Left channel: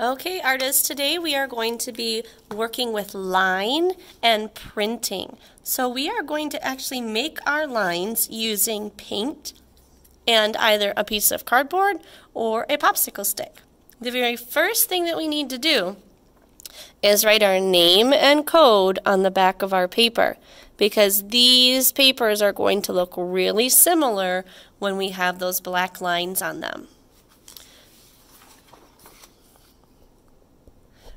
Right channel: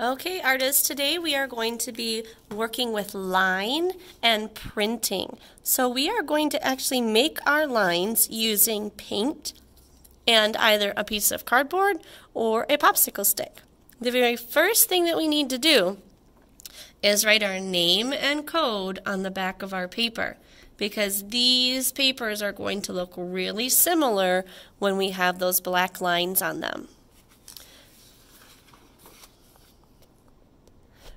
Okay, artists, today we are going to be working with line and printing. So we are going to actually make our lines using paint and either a piece of cardboard or a popsicle stick. The very first thing that we need to do is write our name and code on the back of our paper, because these papers are going to look really similar when we have those black lines on them.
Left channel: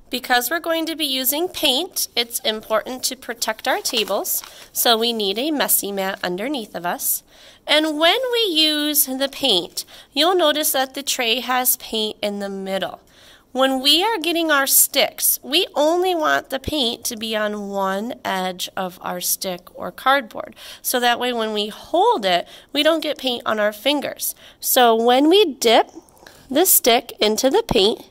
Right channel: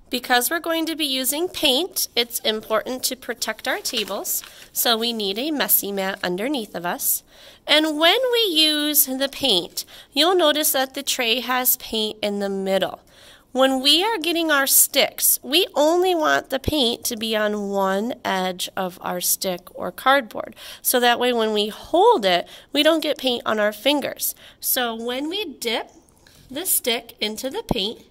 Because we're going to be using paint, it's important to protect our tables, so we need a messy mat underneath of us. And when we use the paint, you'll notice that the tray has paint in the middle. When we are getting our sticks, we only want the paint to be on one edge of our stick or cardboard, so that way when we hold it, we don't get paint on our fingers. So when we dip the stick into the paint,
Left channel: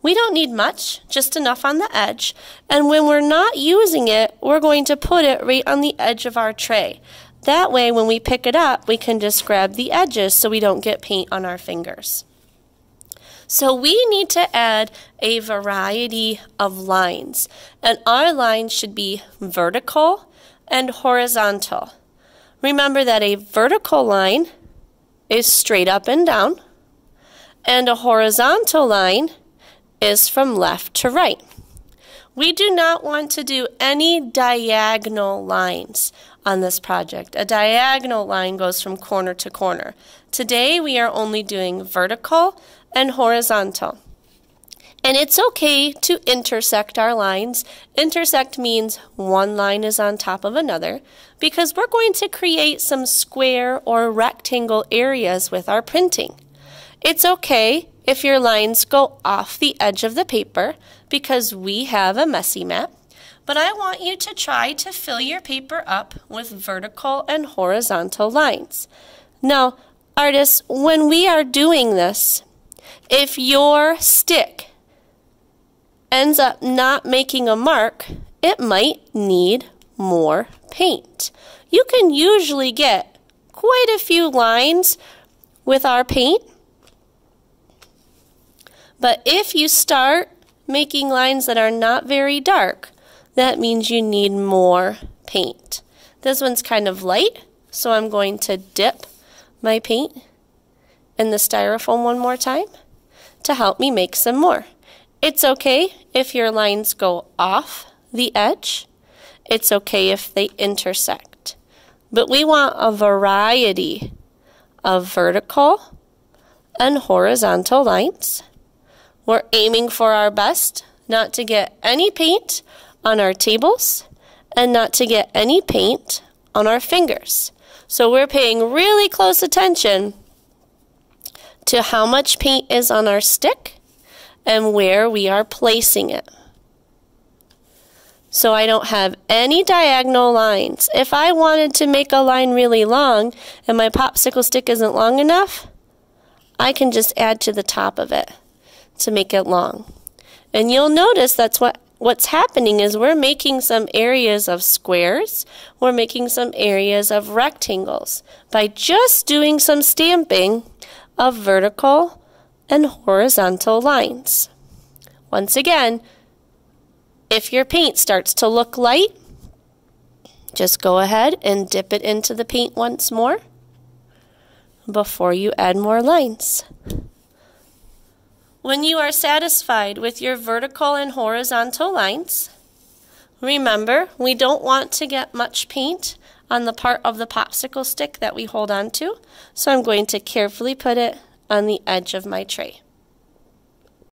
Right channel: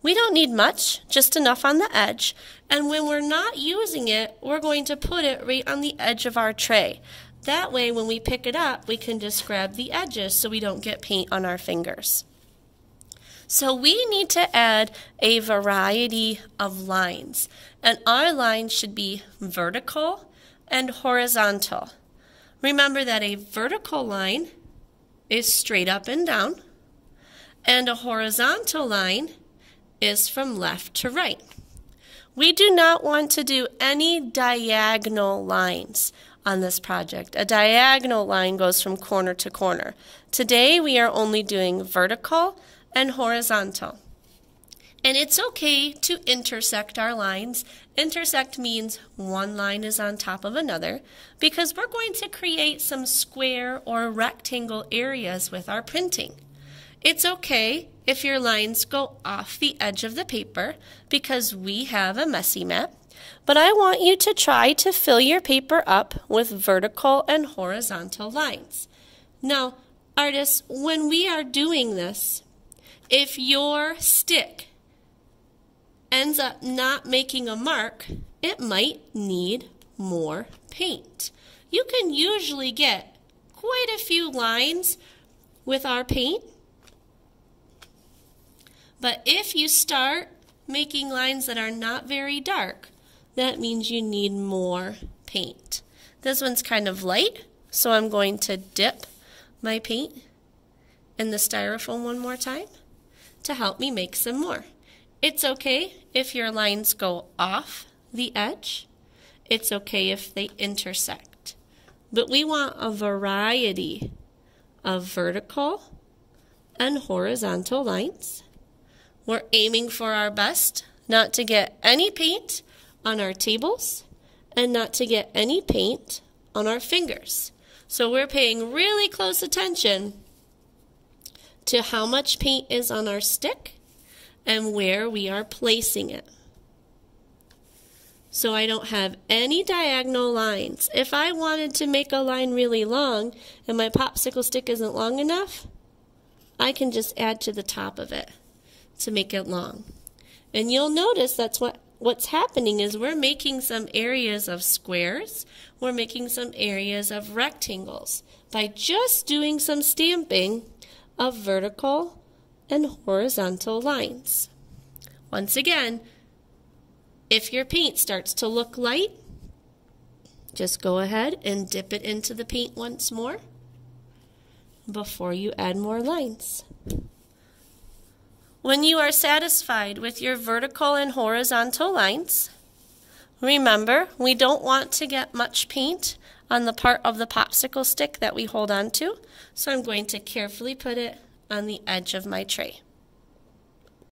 we don't need much, just enough on the edge, and when we're not using it, we're going to put it right on the edge of our tray. That way, when we pick it up, we can just grab the edges so we don't get paint on our fingers. So we need to add a variety of lines, and our lines should be vertical and horizontal. Remember that a vertical line is straight up and down, and a horizontal line is from left to right. We do not want to do any diagonal lines on this project. A diagonal line goes from corner to corner. Today we are only doing vertical and horizontal. And it's okay to intersect our lines. Intersect means one line is on top of another, because we're going to create some square or rectangle areas with our printing. It's okay if your lines go off the edge of the paper, because we have a messy mat, but I want you to try to fill your paper up with vertical and horizontal lines. Now, artists, when we are doing this, if your stick ends up not making a mark, it might need more paint. You can usually get quite a few lines with our paint, but if you start making lines that are not very dark, that means you need more paint. This one's kind of light, so I'm going to dip my paint in the styrofoam one more time to help me make some more. It's okay if your lines go off the edge. It's okay if they intersect. But we want a variety of vertical and horizontal lines. We're aiming for our best not to get any paint on our tables and not to get any paint on our fingers. So we're paying really close attention to how much paint is on our stick and where we are placing it. So I don't have any diagonal lines. If I wanted to make a line really long and my popsicle stick isn't long enough, I can just add to the top of it to make it long. And you'll notice that's what's happening is we're making some areas of squares, we're making some areas of rectangles by just doing some stamping of vertical and horizontal lines. Once again, if your paint starts to look light, just go ahead and dip it into the paint once more before you add more lines. When you are satisfied with your vertical and horizontal lines, remember, we don't want to get much paint on the part of the popsicle stick that we hold on to, so I'm going to carefully put it on the edge of my tray.